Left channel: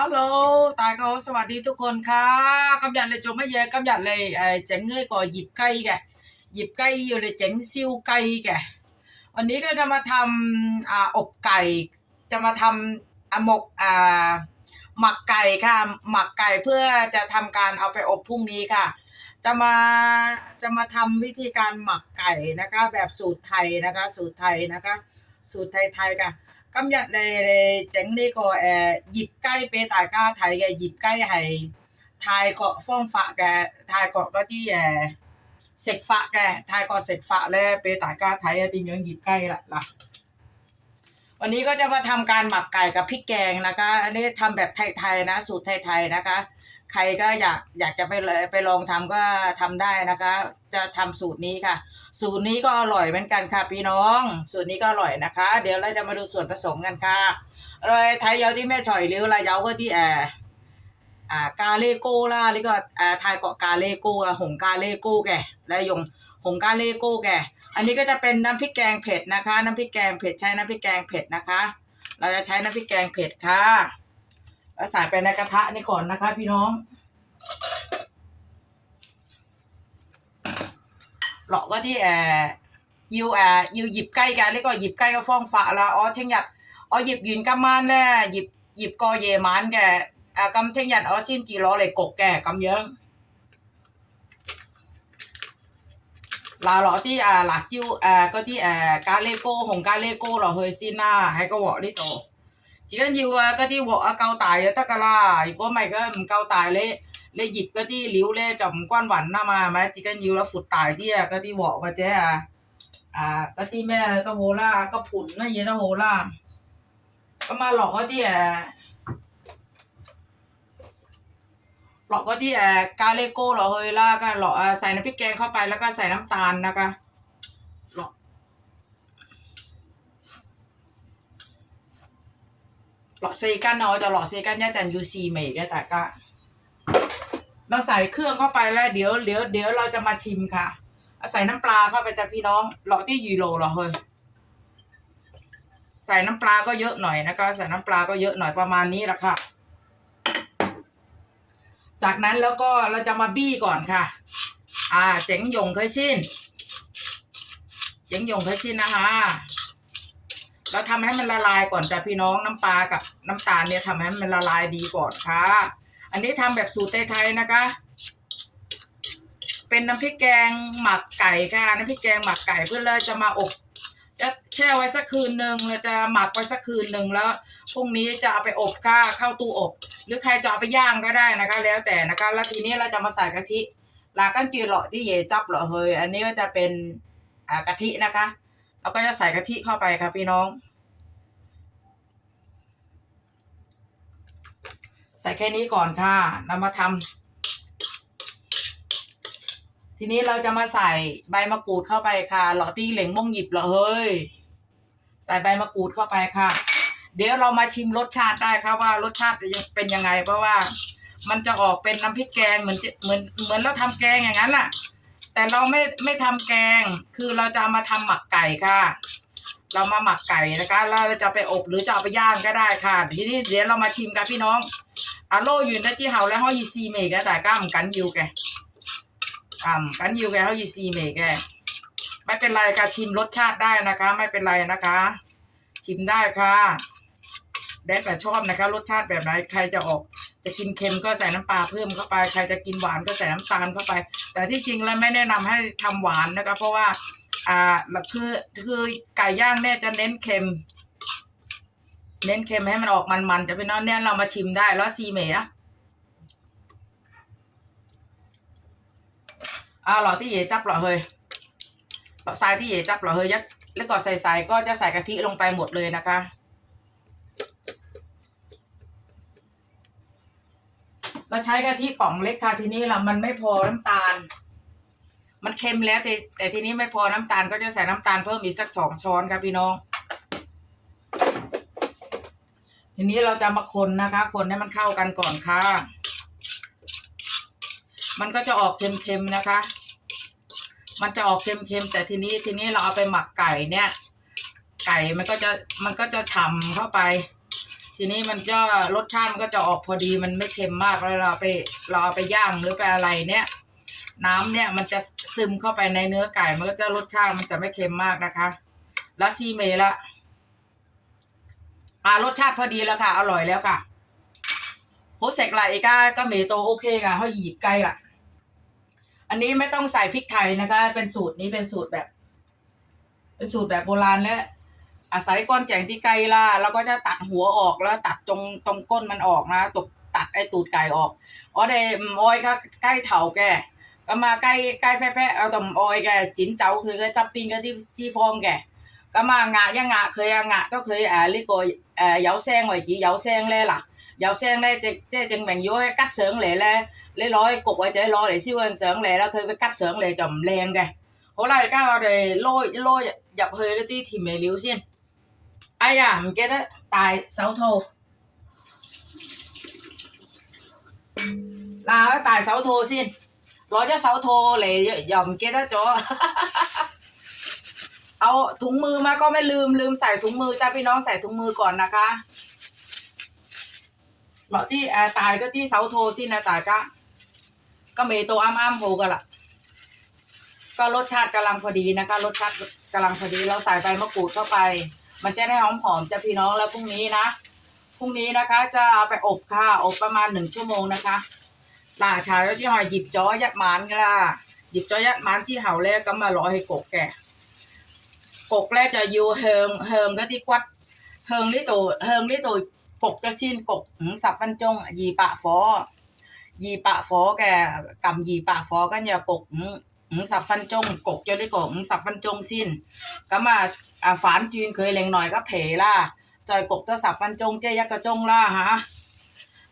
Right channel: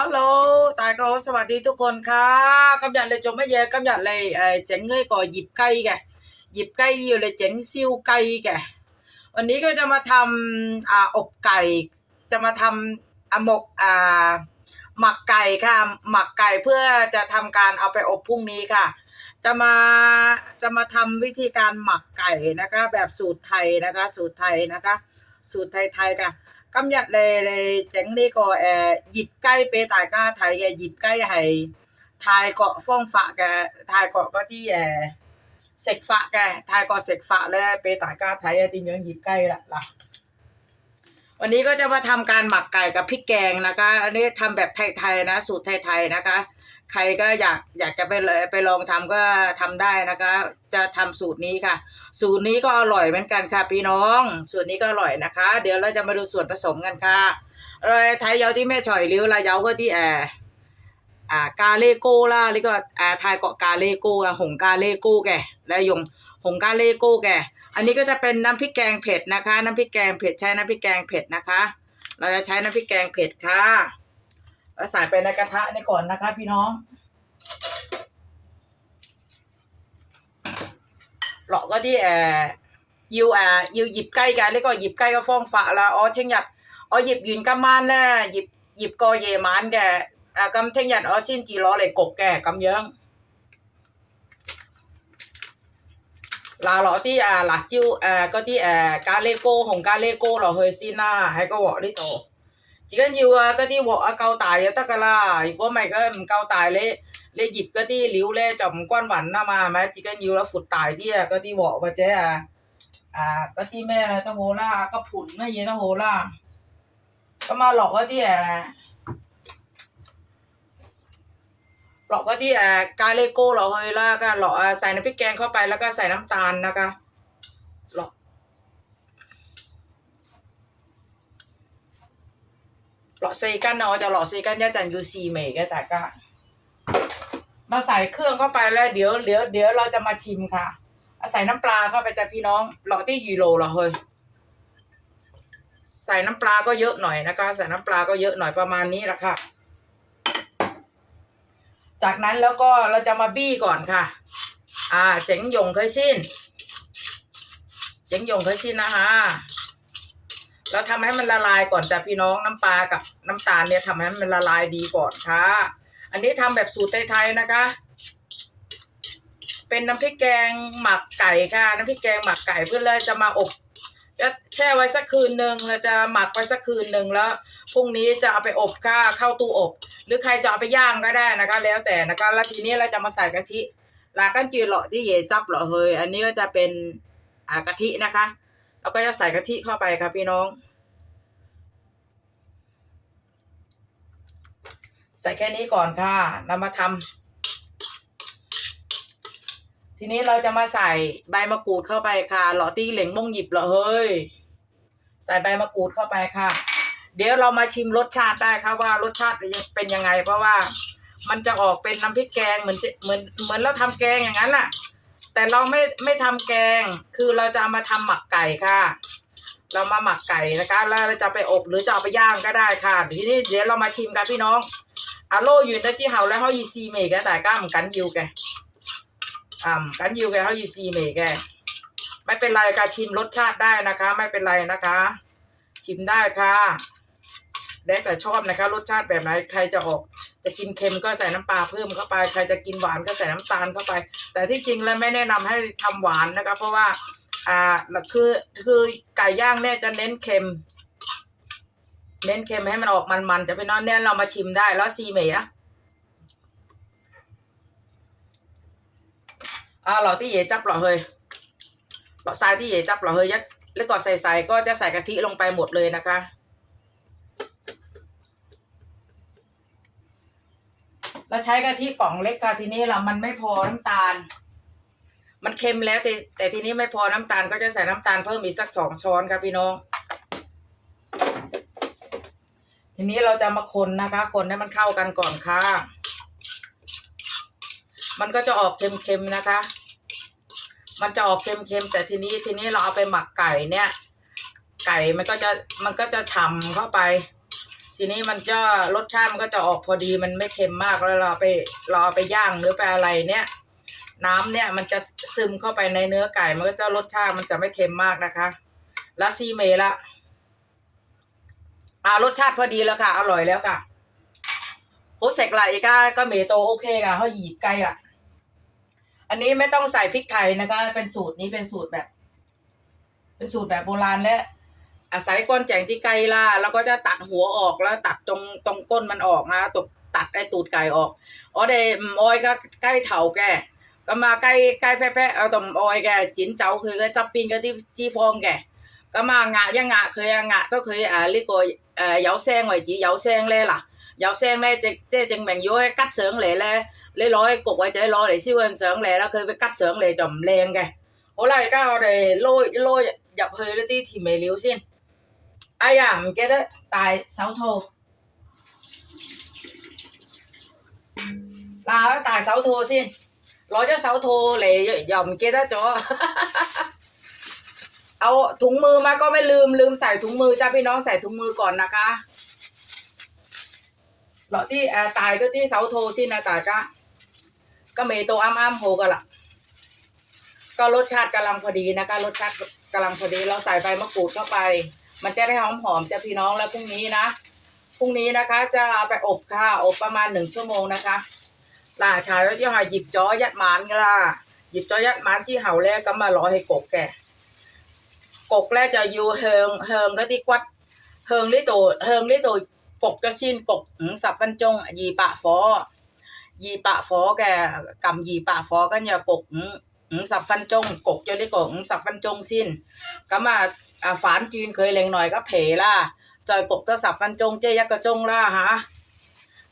ฮัลโหล ตายก็สวัสดีทุกคนค่ะกำยันเลยจงไม่แย่กำยันเลยเอ่อเจ๋งเงยก่อหยิบไก่แกหยิบไก่อยู่เลยเจ๋งซิวไก่แกวันนี้ก็จะมาทำอ่าอบไก่ จะมาทำอ่าหมกอ่าหมักไก่ค่ะ หมักไก่เพื่อจะทำการเอาไปอบพรุ่งนี้ค่ะ จะมาจะมาทำวิธีการหมักไก่นะคะ แบบสูตรไทยนะคะ สูตรไทยนะคะ สูตรไทยๆค่ะ 今日你你整呢、个诶、呃、腌鸡俾大家睇嘅腌鸡系泰国方法嘅，泰国嗰啲诶食法嘅，泰国食法咧俾大家睇下点样腌鸡啦嗱。วันนี้ก็จะมาทำการหมักไก่กับพริกแกงนะคะ อันนี้ทำแบบไทยๆนะ สูตรไทยๆนะคะ ใครก็อยากอยากจะไปไปลองทำก็ทำได้นะคะ จะทำสูตรนี้ค่ะ สูตรนี้ก็อร่อยเหมือนกันค่ะ พี่น้อง สูตรนี้ก็อร่อยนะคะ เดี๋ยวเราจะมาดูส่วนผสมกันค่ะรอยไทยเยาที่แม่ฉ่อยริ้วลาเยาก็ที่แอร์อ่ากาเลโก้ล่ะหรือก็อ่าไทยเกาะกาเลโก้ะหงกาเลโก้แกและยงหงกาเลโก้แกอันนี้ก็จะเป็นน้ำพริกแกงเผ็ดนะคะ น้ำพริกแกงเผ็ดใช้น้ำพริกแกงเผ็ดนะคะ เราจะใช้น้ำพริกแกงเผ็ดค่ะ แล้วใส่ไปในกระทะนี่ก่อนนะคะ พี่น้องเราก็ที่แอยูวแอยูหยิบใกล้กันแล้วก็หยิบใกล้ก็ฟ้องฝะละอ๋อเทียงหยัดอ๋อหยิบยืนกัมมานแน่หยิบหยิบกอเยมานแกอ่ากำเทียงหยัดอ๋อสิ้นจีล้อเลยกกแกกำเยิ้งลาหลอที่อ่าหลักจิ้วอ่าก็ที่อ่ากาเลโก้ของกาเลโก้เราเฮยซีน่าให้ก็วอลิโต ที่บอกว่าเจ๊อะอ่าก็ที่แม่ก็โหล่าก็ผุนไม่เย็นก็โหล่าก็มาหลอกก็ที่อะหลอกก็ที่อ่ากาเลโก้หลอกเฮยล่าก็หลอกอะใส่น้ำพริกแกงเข้าไปแล้วก็ใส่น้ำตาลนะคะหลอก หลอกซีกันเนาะจะหลอกซีกันย่จันยูซีเมย์แกแต่ก็เราใส่เครื่องเข้าไปแล้วเดี๋ยวเดี๋ยวเดี๋ยวเราจะมาชิมค่ะใส่น้ำปลาเข้าไปจ้ะพี่น้องหลอที่ยูโรหรอเฮ้ยใส่น้ำปลาก็เยอะหน่อยนะคะ ใส่น้ำปลาก็เยอะหน่อยประมาณนี้แหละค่ะ จากนั้นแล้วก็เราจะมาบี้ก่อนค่ะ อ่า เจ๋งหยงเคยชินเจ๋งหยงเคยชินนะคะ เราทำให้มันละลายก่อนจ้ะพี่น้องน้ำปลากับน้ำตาลเนี่ยทำให้มันละลายดีก่อนค่ะ อันนี้ทำแบบสูตรไทยๆนะคะ เป็นน้ำพริกแกงหมักไก่ค่ะ น้ำพริกแกงหมักไก่เพื่อเราจะมาอบจะแช่ไว้สักคืนหนึ่งเราจะหมักไว้สักคืนหนึ่งแล้วพรุ่งนี้จะเอาไปอบค่ะเข้าตู้อบ หรือใครจะเอาไปย่างก็ได้นะคะ แล้วแต่นะคะ แล้วทีนี้เราจะมาใส่กะทิลากันจืดเหลาะที่เยจับเหลาะเฮยอันนี้ก็จะเป็นอ่ากะทินะคะ เราก็จะใส่กะทิเข้าไปค่ะพี่น้อง ใส่แค่นี้ก่อนค่ะเรามาทำทีนี้เราจะมาใส่ใบมะกรูดเข้าไปค่ะหลาตีเหล่งมงหยิบเหรอเฮ้ย ใส่ใบมะกรูดเข้าไปค่ะ เดี๋ยวเรามาชิมรสชาติได้ค่ะว่ารสชาติเป็นยังไง เพราะว่ามันจะออกเป็นน้ำพริกแกงเหมือนเหมือนเหมือนเราทำแกงอย่างนั้นแหละ แต่เราไม่ไม่ทำแกง คือเราจะามาทำหมักไก่ค่ะ เรามาหมักไก่นะคะแล้วเราจะไปอบหรือจะเอาไปย่างก็ได้ค่ะ ทีนี้เดี๋ยวเรามาชิมกันพี่น้องอะโลอยู่นะที่เฮาแล้วเฮายีซีเมกแต่ก้ามกันยิวแกอ่ำกันยิวแกเฮายีซีเมกแกไม่เป็นไรการชิมรสชาติได้นะคะ ไม่เป็นไรนะคะ ชิมได้ค่ะแล้วแต่ชอบนะคะ รสชาติแบบไหนใครจะออก จะกินเค็มก็ใส่น้ำปลาเพิ่มเข้าไป ใครจะกินหวานก็ใส่น้ำตาลเข้าไป แต่ที่จริงแล้วไม่แนะนำให้ทำหวานนะคะ เพราะว่าอ่าคือคือไก่ย่างเนี่ยจะเน้นเค็ม เน้นเค็มให้มันออกมันๆจะเป็นน้องเนี่ยเรามาชิมได้แล้วซีเมย์นะอ่าเราที่เย่จับเหรอเฮ้ยเราทรายที่เย่จับเหรอเฮยยักแล้วก็ใส่ๆก็จะใส่กะทิลงไปหมดเลยนะคะ เราใช้กะทิกล่องเล็กค่ะทีนี้ล่ะมันไม่พอน้ำตาล มันเค็มแล้วแต่แต่ทีนี้ไม่พอน้ำตาลก็จะใส่น้ำตาลเพิ่มอีกสักสองช้อนครับพี่น้อง ทีนี้เราจะมาคนนะคะ คนให้มันเข้ากันก่อนค่ะ มันก็จะออกเค็มๆนะคะ มันจะออกเค็มๆแต่ทีนี้ทีนี้เราเอาไปหมักไก่เนี่ย ไก่มันก็จะมันก็จะฉ่ำเข้าไป ทีนี้มันก็รสชาติมันก็จะออกพอดีมันไม่เค็มมากแล้วเราไปเราเอาไปย่างหรือไปอะไรเนี่ย น้ำเนี่ยมันจะซึมเข้าไปในเนื้อไก่มันก็จะรสชาติมันจะไม่เค็มมากนะคะแล้วซีเมละอ่ารสชาติพอดีแล้วค่ะ อร่อยแล้วค่ะโฮเซกไลก็ก็เมโตโอเคค่ะเขาหยิบไก่อะอันนี้ไม่ต้องใส่พริกไทยนะคะ เป็นสูตรนี้เป็นสูตรแบบ เป็นสูตรแบบโบราณและ 洗干净啲鸡啦攞只达火鹅啦达冻冻干蚊鹅啦毒达一度计鹅我哋唔爱噶鸡头嘅。咁啊鸡鸡啤啤我都唔爱嘅剪走佢嘅侧边啲脂肪嘅。咁啊压一压佢啊压到佢诶呢个诶有声为止有声咧嗱有声咧即即系证明如果佢吉上嚟咧你攞一焗或者攞嚟烧印上嚟啦佢会吉上嚟就唔靓嘅。好啦而家我哋捞捞入去啲甜味料先。呀唔记得戴手套嗱戴手套先攞咗手套嚟又唔记得咗 เอาถุงมือมาก็ไม่ลืมลืมใส่ถุงมือจ้าพี่น้องใส่ถุงมือก่อนนะคะหลอที่แอร์ตายก็ที่เสาโทสินะตายก็ก็เมโตอ้ามอ้ามโฮกันละก็รสชาติกำลังพอดีนะคะ รสชาติกำลังพอดีเราใส่ใบมะกรูดเข้าไป มันจะได้หอมหอมๆจ้าพี่น้องแล้วพรุ่งนี้นะพรุ่งนี้นะคะ จะเอาไปอบค่ะอบประมาณหนึ่งชั่วโมงนะคะหลาชายว่าที่หอยหยิบจ้อยัดหมานกันล่ะหยิบจ้อยัดหมานที่เห่าแล้วก็มารอให้กบแก cục 咧 สับฟันจงกกจอได้กกสับฟันจงสิ้นก็มาอ่าฝานจีนเคยเล็งหน่อยก็เผล่าจอยกกก็สับฟันจงเจยักกระจงล่าฮะ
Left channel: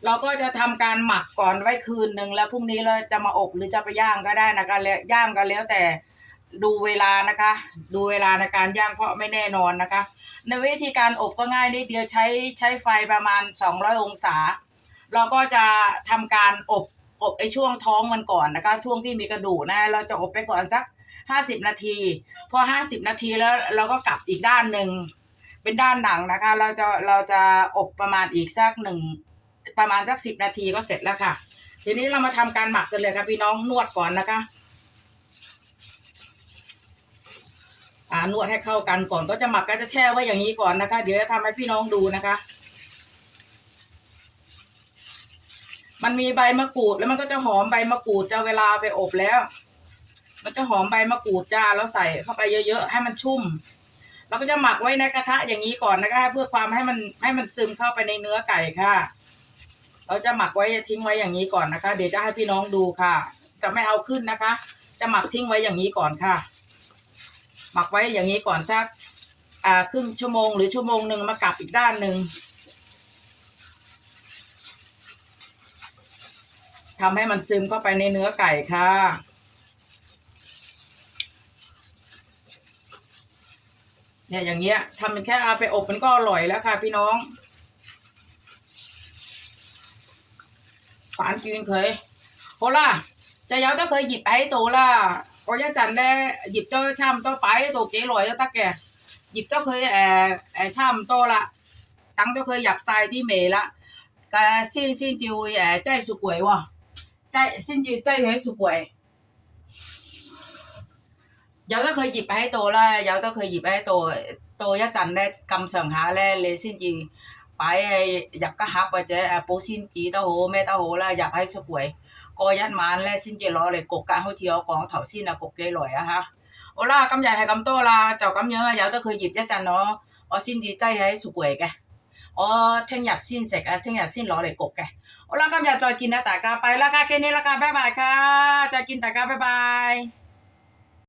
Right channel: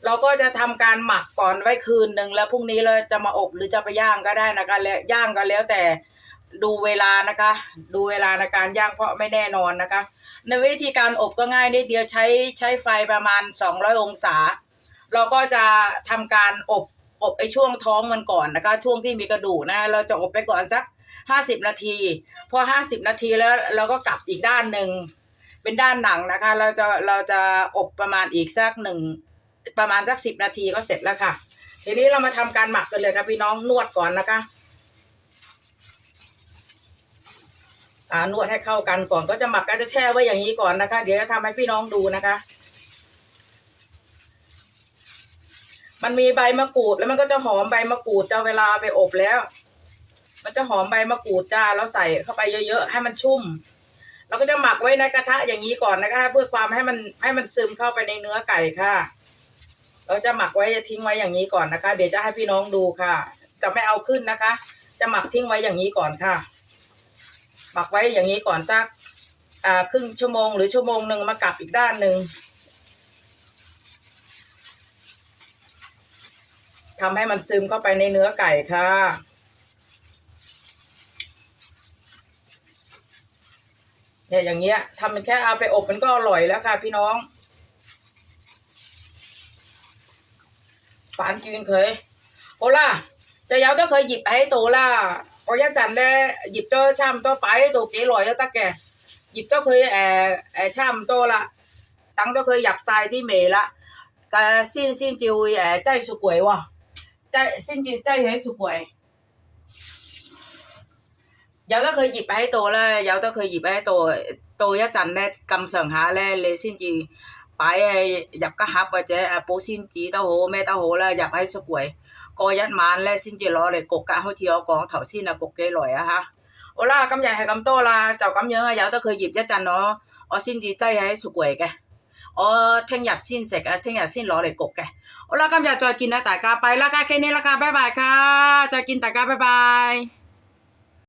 เราก็จะทำการหมักก่อนไว้คืนหนึ่งแล้วพรุ่งนี้เราจะมาอบหรือจะไปย่างก็ได้นะคะแล้ย่างก็แล้วแต่ดูเวลานะคะ ดูเวลาในการย่างเพราะไม่แน่นอนนะคะ ในวิธีการอบก็ง่ายนิดเดียวใช้ใช้ไฟประมาณ 200 องศา เราก็จะทำการอบ อบไอ้ช่วงท้องมันก่อนนะคะ ช่วงที่มีกระดูกนะ เราจะอบไปก่อนสัก50นาที พอ50นาทีแล้วเราก็กลับอีกด้านหนึ่งเป็นด้านหนังนะคะ เราจะเราจะอบประมาณอีกสักหนึ่งประมาณสัก10นาทีก็เสร็จแล้วค่ะ ทีนี้เรามาทำการหมักกันเลยครับพี่น้องนวดก่อนนะคะอ่านวดให้เข้ากันก่อนก็จะหมักก็จะแช่ไว้อย่างนี้ก่อนนะคะ เดี๋ยวจะทำให้พี่น้องดูนะคะ มันมีใบมะกรูดแล้วมันก็จะหอมใบมะกรูดจะเวลาไปอบแล้ว มันจะหอมใบมะกรูดจ้าแล้วใส่เข้าไปเยอะๆให้มันชุ่มเราก็จะหมักไว้ในกระทะอย่างนี้ก่อนนะคะเพื่อความให้มันให้มันซึมเข้าไปในเนื้อไก่ค่ะ เราจะหมักไว้ทิ้งไว้อย่างนี้ก่อนนะคะ เดี๋ยวจะให้พี่น้องดูค่ะ จะไม่เอาขึ้นนะคะ จะหมักทิ้งไว้อย่างนี้ก่อนค่ะ หมักไว้อย่างนี้ก่อนสัก อ่าครึ่งชั่วโมงหรือชั่วโมงหนึ่งมากลับอีกด้านหนึ่ง ทำให้มันซึมเข้าไปในเนื้อไก่ค่ะ เนี่ยอย่างเงี้ยทำแค่เอาไปอบมันก็อร่อยแล้วค่ะพี่น้องฝานกินเคยโอล่ะจะยาวต้องเคยหยิบไปให้โตล่ะก็ยาจันได้หยิบเจ้าช่ำเจ้าไปโตกี่ลอยแล้วตาแกหยิบเจ้าเคยแอ่แอ่ช่ำโตละตั้งเจ้าเคยหยับทรายที่เมละก็ซิ่นซิ่นจิวแอ่ใจสุกวยวะ 擠先至擠喺雪櫃。有得佢醃喺度咧，有得佢醃喺度，到一陣咧咁上下咧，你先至擺喺入個盒或者誒保鮮紙都好咩都好啦，入喺雪櫃。過一晚咧先至攞嚟焗㗎，好似我講頭先啊，焗幾耐啊嚇！好啦，今日係咁多啦，就咁樣啊，由得佢醃一陣我，我先至擠喺雪櫃嘅。我聽日先食啊，聽日先攞嚟焗嘅。 โอ้ละคอย่าจอยกินนะตากาไปละกาแค่นี้ละกาบ๊ายบายค่ะจอยกินตากาบ๊ายบาย